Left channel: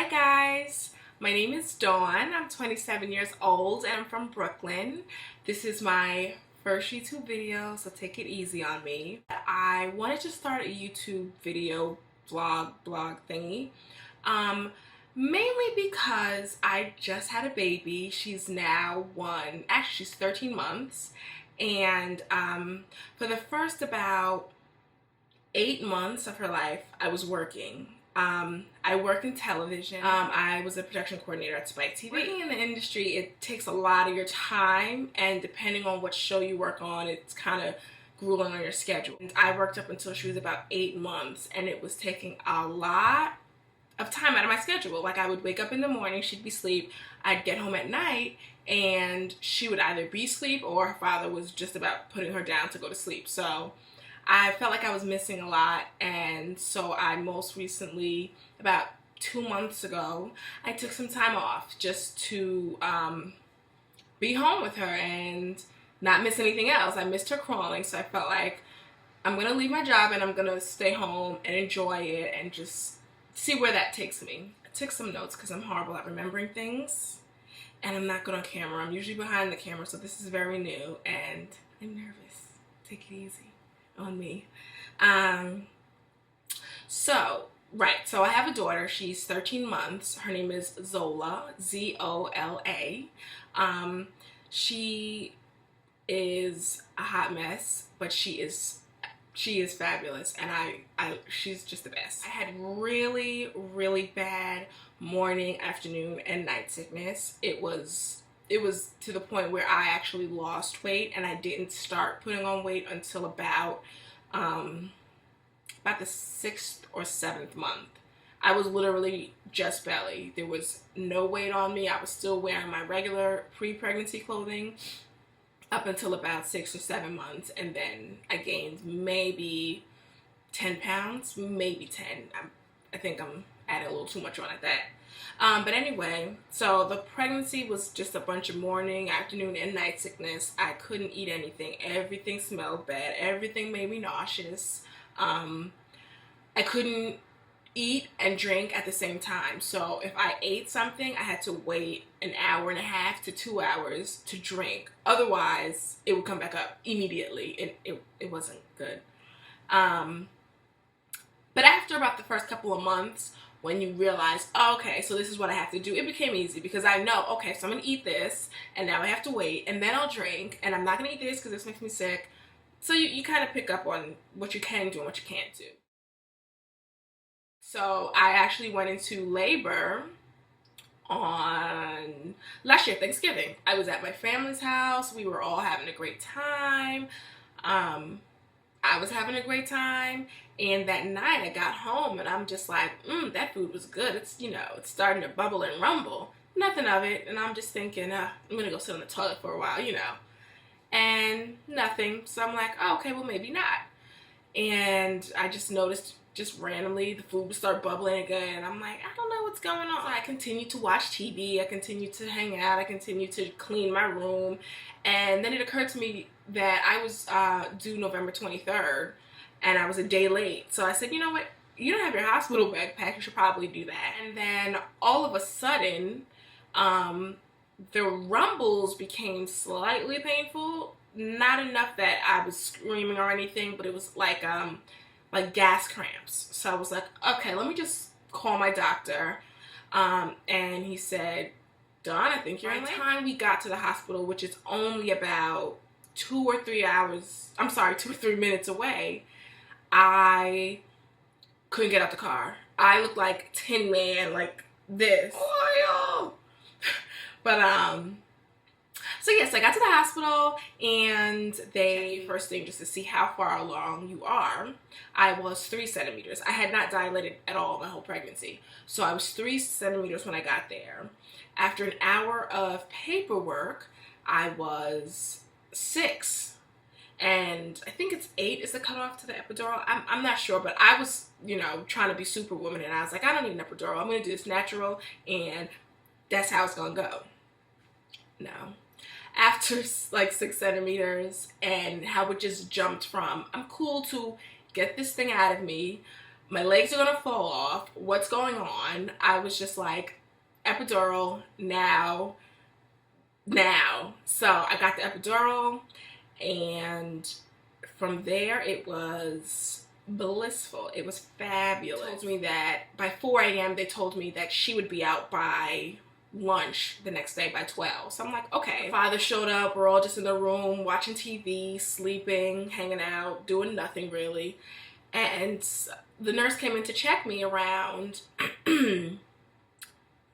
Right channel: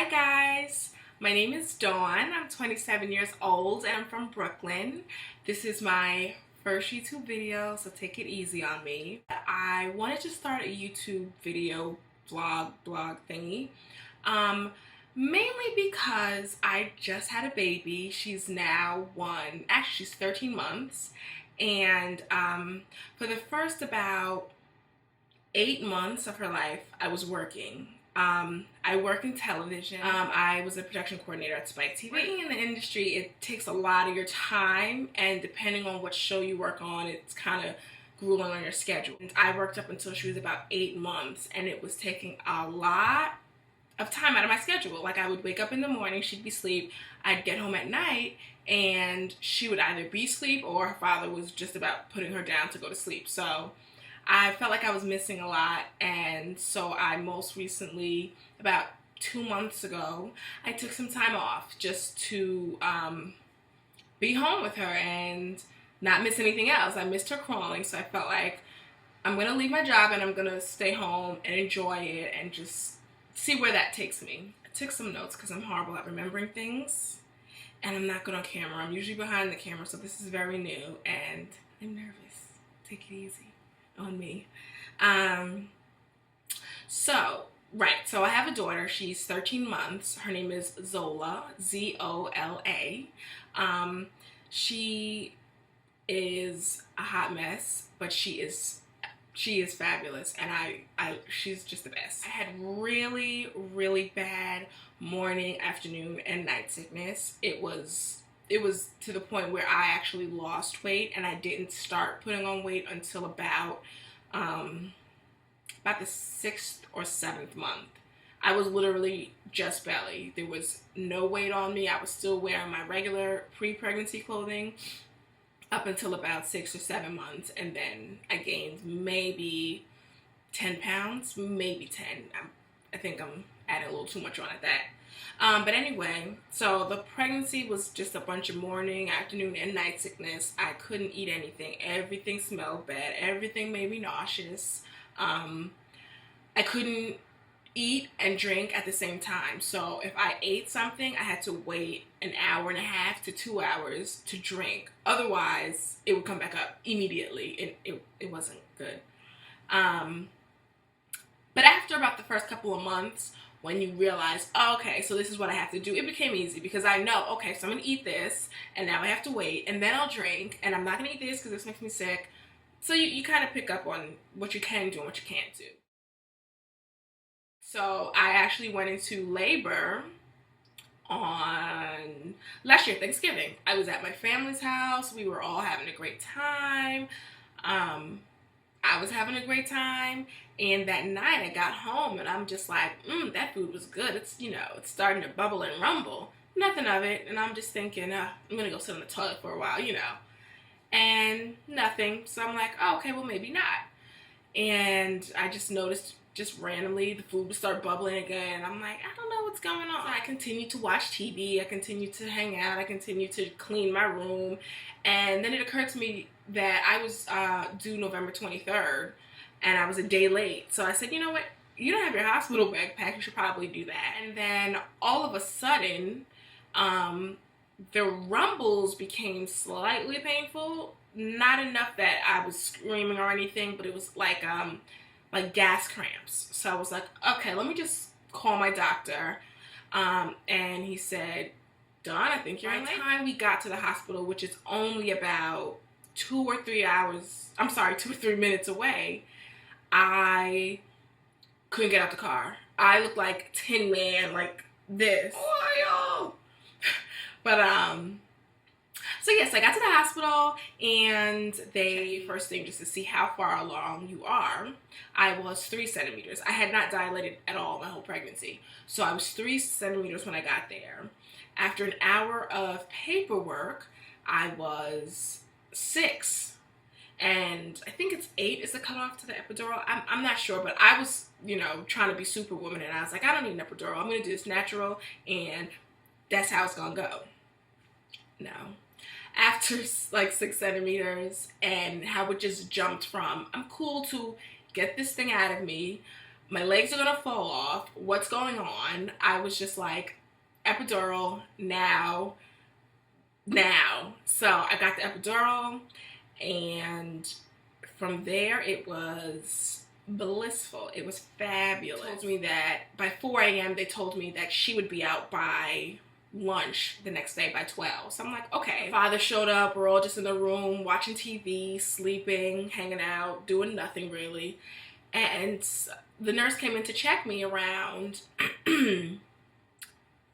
Hi guys, my name is Dawn. I'm 27 years old and I'm from Brooklyn. This is my first YouTube video, so take it easy on me. I wanted to start a YouTube video blog thingy, mainly because I just had a baby. She's now she's 13 months, and for the first about 8 months of her life, I was working. I work in television. I was a production coordinator at Spike TV. Working in the industry, it takes a lot of your time, and depending on what show you work on, it's kind of grueling on your schedule. And I worked up until she was about 8 months, and it was taking a lot of time out of my schedule. Like, I would wake up in the morning, she'd be asleep, I'd get home at night, and she would either be asleep or her father was just about putting her down to go to sleep. So I felt like I was missing a lot, and so I most recently, about 2 months ago, I took some time off just to be home with her and not miss anything else. I missed her crawling, so I felt like I'm going to leave my job and I'm going to stay home and enjoy it and just see where that takes me. I took some notes because I'm horrible at remembering things, and I'm not good on camera. I'm usually behind the camera, so this is very new, and I'm nervous. Take it easy on me. So I have a daughter. She's 13 months. Her name is Zola, Z-O-L-A. She is a hot mess, but she is fabulous, and she's just the best. I had really bad morning, afternoon, and night sickness. It was to the point where I actually lost weight, and I didn't start putting on weight until about the 6th or 7th month. I was literally just belly. There was no weight on me. I was still wearing my regular pre-pregnancy clothing up until about 6 or 7 months, and then I gained maybe 10 pounds, maybe 10. I think I'm adding a little too much on at that. But anyway, so the pregnancy was just a bunch of morning, afternoon, and night sickness. I couldn't eat anything. Everything smelled bad. Everything made me nauseous. I couldn't eat and drink at the same time. So if I ate something, I had to wait an hour and a half to 2 hours to drink. Otherwise, it would come back up immediately. It wasn't good. But after about the first couple of months, when you realize, oh, okay, so this is what I have to do, it became easy because I know, okay, so I'm going to eat this, and now I have to wait, and then I'll drink, and I'm not going to eat this because this makes me sick. So you kind of pick up on what you can do and what you can't do. So I actually went into labor on last year, Thanksgiving. I was at my family's house. We were all having a great time. I was having a great time, and that night I got home and I'm just like, that food was good. It's, it's starting to bubble and rumble. Nothing of it, and I'm just thinking, I'm gonna go sit on the toilet for a while, and nothing. So I'm like, oh, okay, well, maybe not. And I just noticed, just randomly, the food would start bubbling again. I'm like, I don't know what's going on. So I continued to watch TV. I continued to hang out. I continued to clean my room. And then it occurred to me that I was due November 23rd, and I was a day late. So I said, you know what? You don't have your hospital bag packed. You should probably do that. And then all of a sudden, the rumbles became slightly painful. Not enough that I was screaming or anything, but it was like gas cramps. So I was like, okay, let me just call my doctor. And he said, Dawn, I think you're in late. By the time we got to the hospital, which is only about 2 or 3 minutes away, I couldn't get out the car. I looked like Tin Man, like this. Oh, but so yes, I got to the hospital, and they first thing just to see how far along you are. I was 3 centimeters. I had not dilated at all my whole pregnancy, so I was 3 centimeters when I got there. After an hour of paperwork, I was 6, and I think it's 8 is the cutoff to the epidural. I'm not sure, but I was, trying to be superwoman, and I was like, I don't need an epidural. I'm going to do this natural, and that's how it's going to go. No. After like 6 centimeters and how it just jumped from, I'm cool to get this thing out of me, my legs are gonna fall off. What's going on? I was just like, epidural now. So I got the epidural, and from there it was blissful. It was fabulous. They told me that by 4 a.m. they told me that she would be out by lunch the next day by 12. So I'm like, okay. Father showed up. We're all just in the room watching TV, sleeping, hanging out, doing nothing really. And the nurse came in to check me around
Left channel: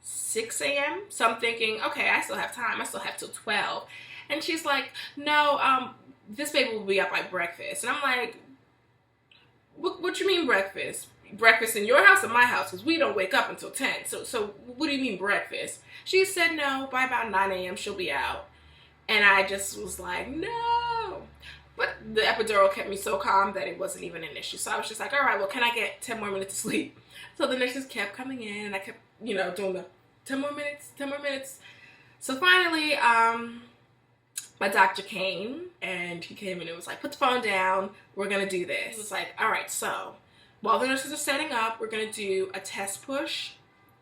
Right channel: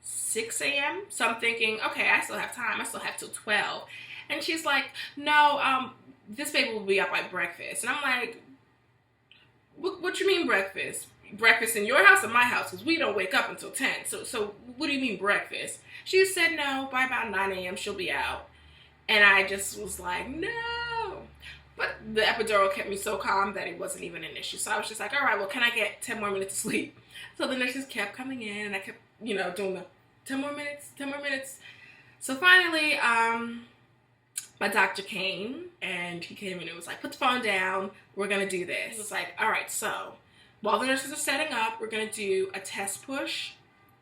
6 a.m. So I'm thinking, okay, I still have time. I still have till 12. And she's like, no, this baby will be up by breakfast. And I'm like, what you mean breakfast? Breakfast in your house or my house? Because we don't wake up until 10. So what do you mean breakfast? She said no, by about 9 a.m. she'll be out. And I just was like, no. But the epidural kept me so calm that it wasn't even an issue. So I was just like, all right, well, can I get 10 more minutes of sleep? So the nurses kept coming in, and I kept, doing the 10 more minutes. So finally, my doctor came, and he came and it was like, put the phone down, we're going to do this. He was like, all right, so while the nurses are setting up, we're going to do a test push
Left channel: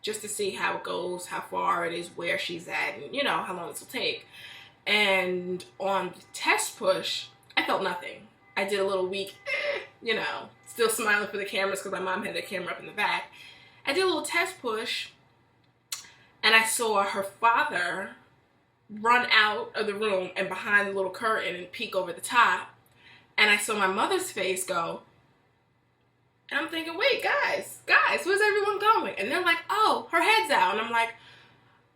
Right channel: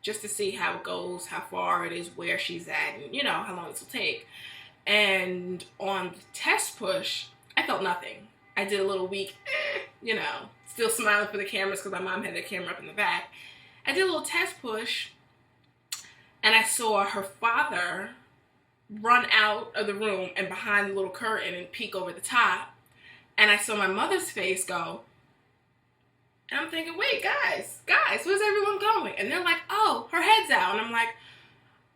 just to see how it goes, how far it is, where she's at, and, how long this will take. And on the test push, I felt nothing. I did a little weak, still smiling for the cameras because my mom had the camera up in the back. I did a little test push, and I saw her father run out of the room and behind the little curtain and peek over the top. And I saw my mother's face go. And I'm thinking, wait, guys, where's everyone going? And they're like, oh, her head's out. And I'm like,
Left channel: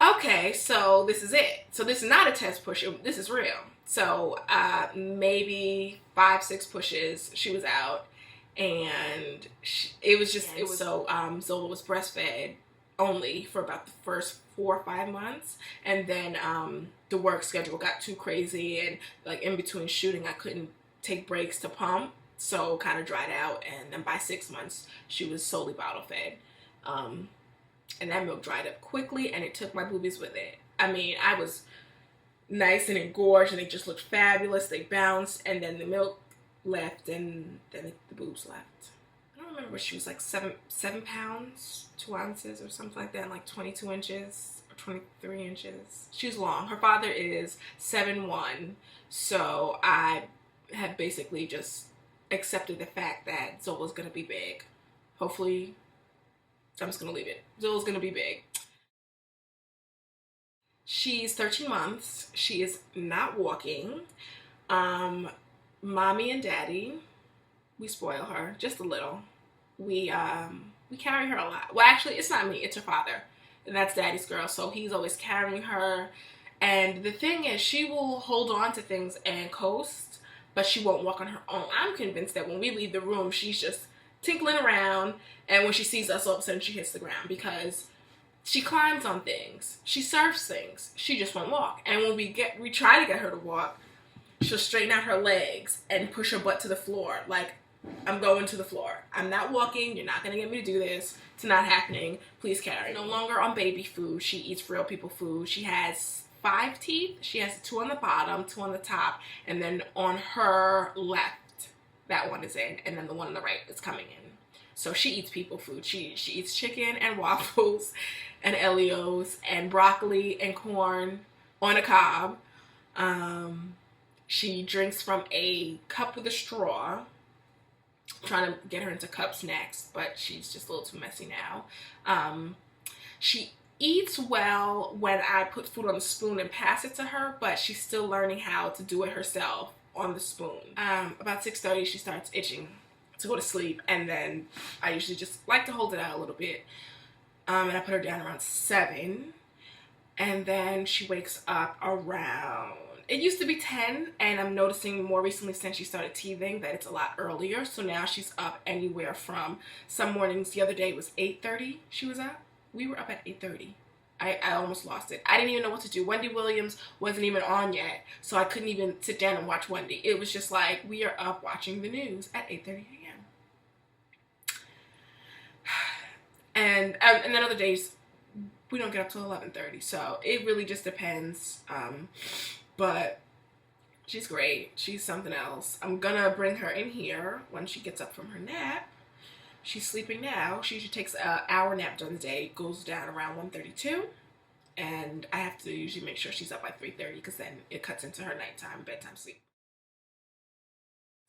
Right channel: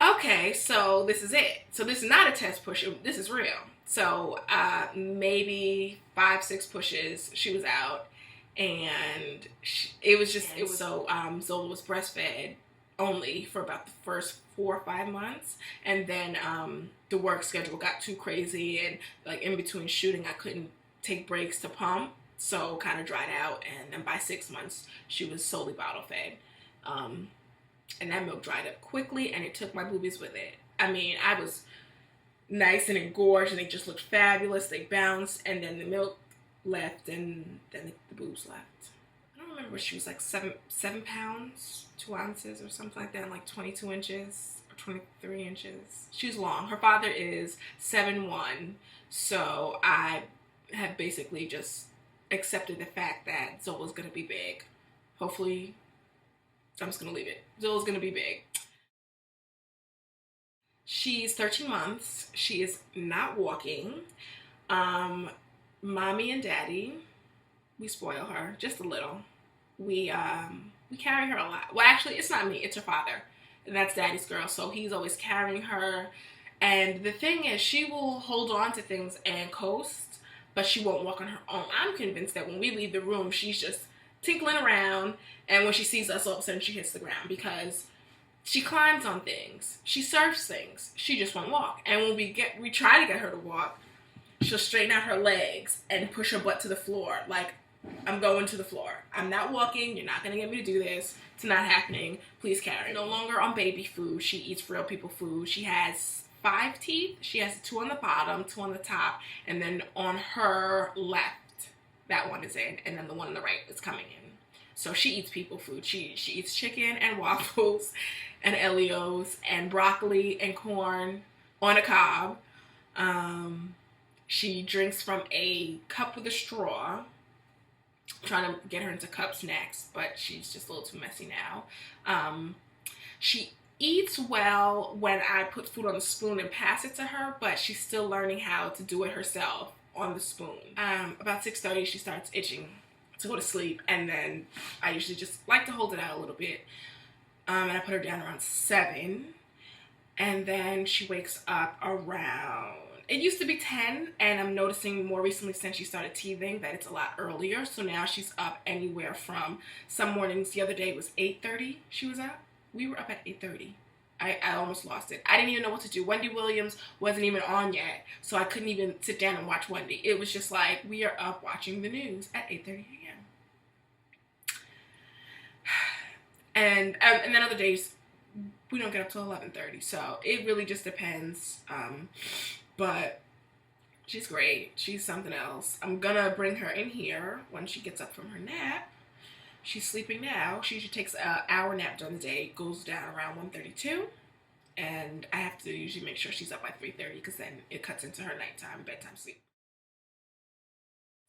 okay, so this is it. So this is not a test push. This is real. So maybe 5-6 pushes, she was out. And Zola was breastfed only for about the first 4 or 5 months, and then the work schedule got too crazy, and like in between shooting I couldn't take breaks to pump, so kind of dried out. And then by 6 months she was solely bottle fed, and that milk dried up quickly, and it took my boobies with it. I mean, I was nice and engorged, and they just looked fabulous. They bounced, and then the milk left, and then the boobs left. I don't remember, she was like 7 pounds, 2 ounces or something like that, and like 22 inches or 23 inches. She was long. Her father is 7'1", so I had basically just accepted the fact that Zola's gonna be big. Hopefully, I'm just gonna leave it. Zola's gonna be big. She's 13 months. She is not walking. Mommy and daddy, we spoil her just a little. We carry her a lot. Well, actually, it's not me. It's her father. And that's daddy's girl. So he's always carrying her. And the thing is, she will hold on to things and coast, but she won't walk on her own. I'm convinced that when we leave the room, she's just tinkling around. And when she sees us, all of a sudden she hits the ground, because she climbs on things. She surfs things. She just won't walk. And when we try to get her to walk, she'll straighten out her legs and push her butt to the floor. Like, I'm going to the floor. I'm not walking. You're not going to get me to do this. It's not happening. Please carry. No longer on baby food. She eats real people food. She has 5 teeth. She has 2 on the bottom, 2 on the top, and then on her left, that one is in, and then the one on the right is coming in. So she eats people food. She eats chicken and waffles and Elio's and broccoli and corn on a cob. She drinks from a cup with a straw. Trying to get her into cups next, but she's just a little too messy now. She eats well when I put food on the spoon and pass it to her, but she's still learning how to do it herself on the spoon. About 6:30, she starts itching to go to sleep, and then I usually just like to hold it out a little bit, and I put her down around 7, and then she wakes up around, it used to be 10, and I'm noticing more recently since she started teething that it's a lot earlier. So now she's up anywhere from, some mornings, the other day it was 8:30 she was up. We were up at 8:30. I almost lost it. I didn't even know what to do. Wendy Williams wasn't even on yet, so I couldn't even sit down and watch Wendy. It was just like, we are up watching the news at 8:30 a.m. And then other days, we don't get up till 11:30, so it really just depends. But she's great. She's something else. I'm gonna bring her in here when she gets up from her nap. She's sleeping now. She usually takes an hour nap during the day. It goes down around 1:32. And I have to usually make sure she's up by 3:30 because then it cuts into her nighttime, bedtime sleep.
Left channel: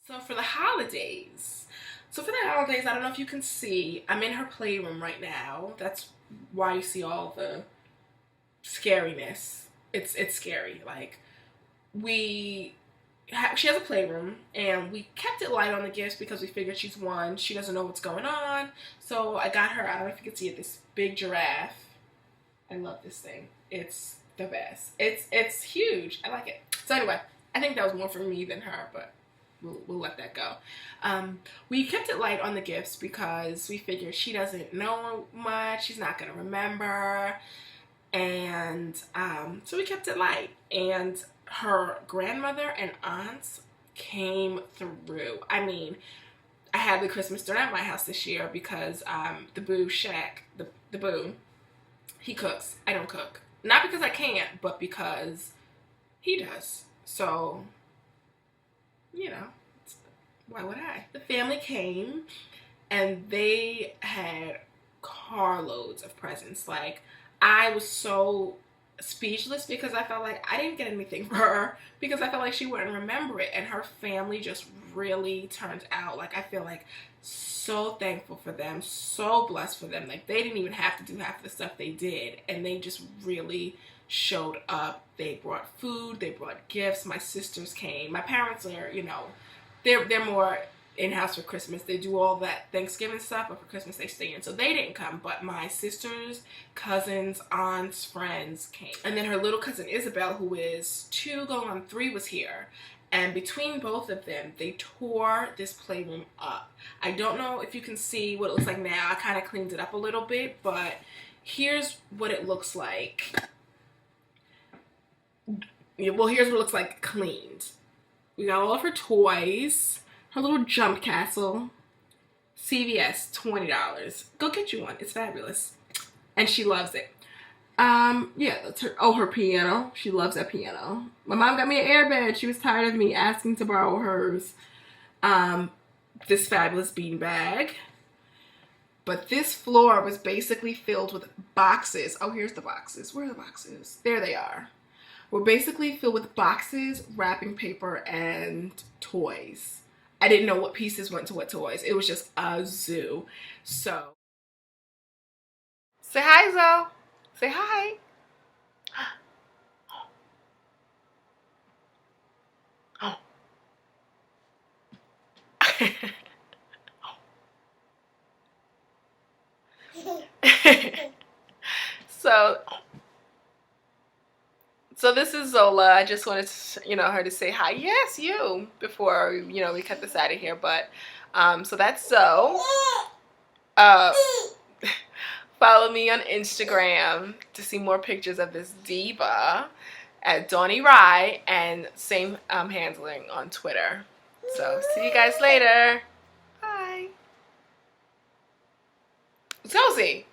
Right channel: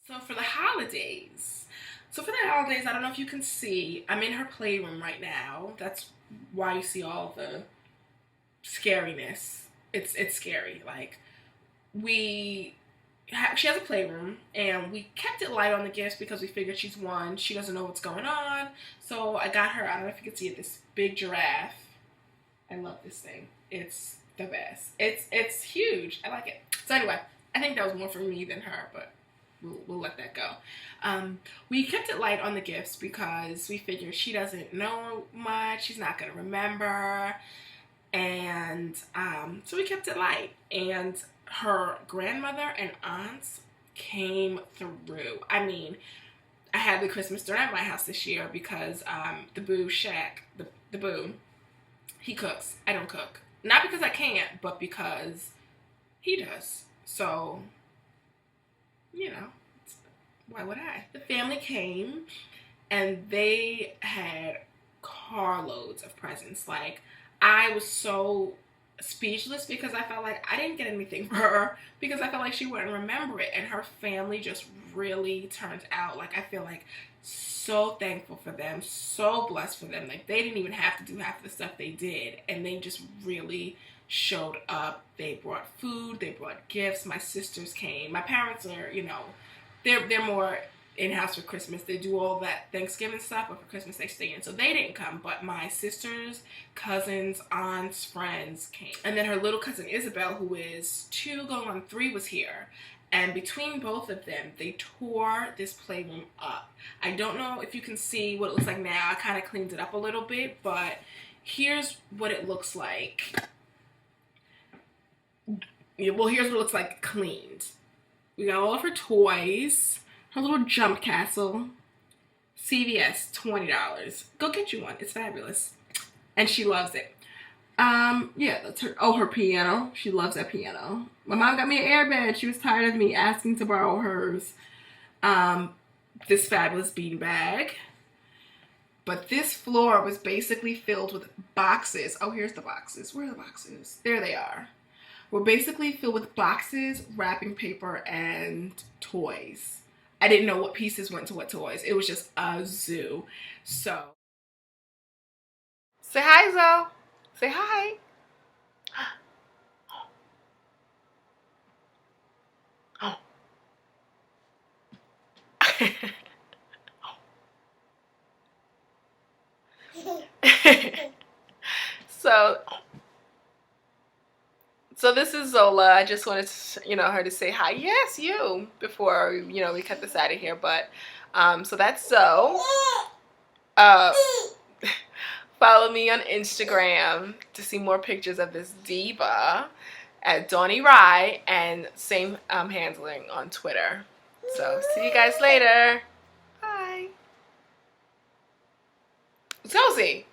So for the holidays, I don't know if you can see, I'm in her playroom right now. That's why you see all the scariness. It's scary. Like she has a playroom, and we kept it light on the gifts because we figured she's one. She doesn't know what's going on, so I got her. I don't know if you can see it. This big giraffe. I love this thing. It's the best. It's huge. I like it. So anyway, I think that was more for me than her, but we'll let that go. We kept it light on the gifts because we figured she doesn't know much. She's not gonna remember, and so we kept it light. And her grandmother and aunts came through. I mean, I had the Christmas dinner at my house this year because the Boo Shack, the Boo, he cooks. I don't cook. Not because I can't, but because he does. So, you know, why would I? The family came, and they had carloads of presents. Like, I was so speechless because I felt like I didn't get anything for her because I felt like she wouldn't remember it. And her family just really turned out. Like, I feel like so thankful for them, so blessed for them. Like, they didn't even have to do half of the stuff they did, and they just really showed up. They brought food, they brought gifts. My sisters came. My parents are, you know, they're more in-house for Christmas. They do all that Thanksgiving stuff, but for Christmas they stay in. So they didn't come, but my sisters, cousins, aunts, friends came. And then her little cousin Isabel, who is 2 going on 3, was here. And between both of them, they tore this playroom up. I don't know if you can see what it looks like now. I kind of cleaned it up a little bit, but here's what it looks like. Well, here's what it looks like cleaned. We got all of her toys, her little jump castle. CVS, $20. Go get you one. It's fabulous. And she loves it. Yeah, that's her. Oh, her piano. She loves that piano. My mom got me an airbed. She was tired of me asking to borrow hers. This fabulous beanbag. But this floor was basically filled with boxes. Oh, here's the boxes. Where are the boxes? There they are. We're basically filled with boxes, wrapping paper, and toys. I didn't know what pieces went to what toys. It was just a zoo. So, say hi, Zoe. Say hi. So this is Zola. I just wanted to, her to say hi. Yes, you, before, we cut this out of here. But, so that's Zoe. Follow me on Instagram to see more pictures of this diva at Donnie Rye, and same handling on Twitter. So see you guys later. Bye. Zosie.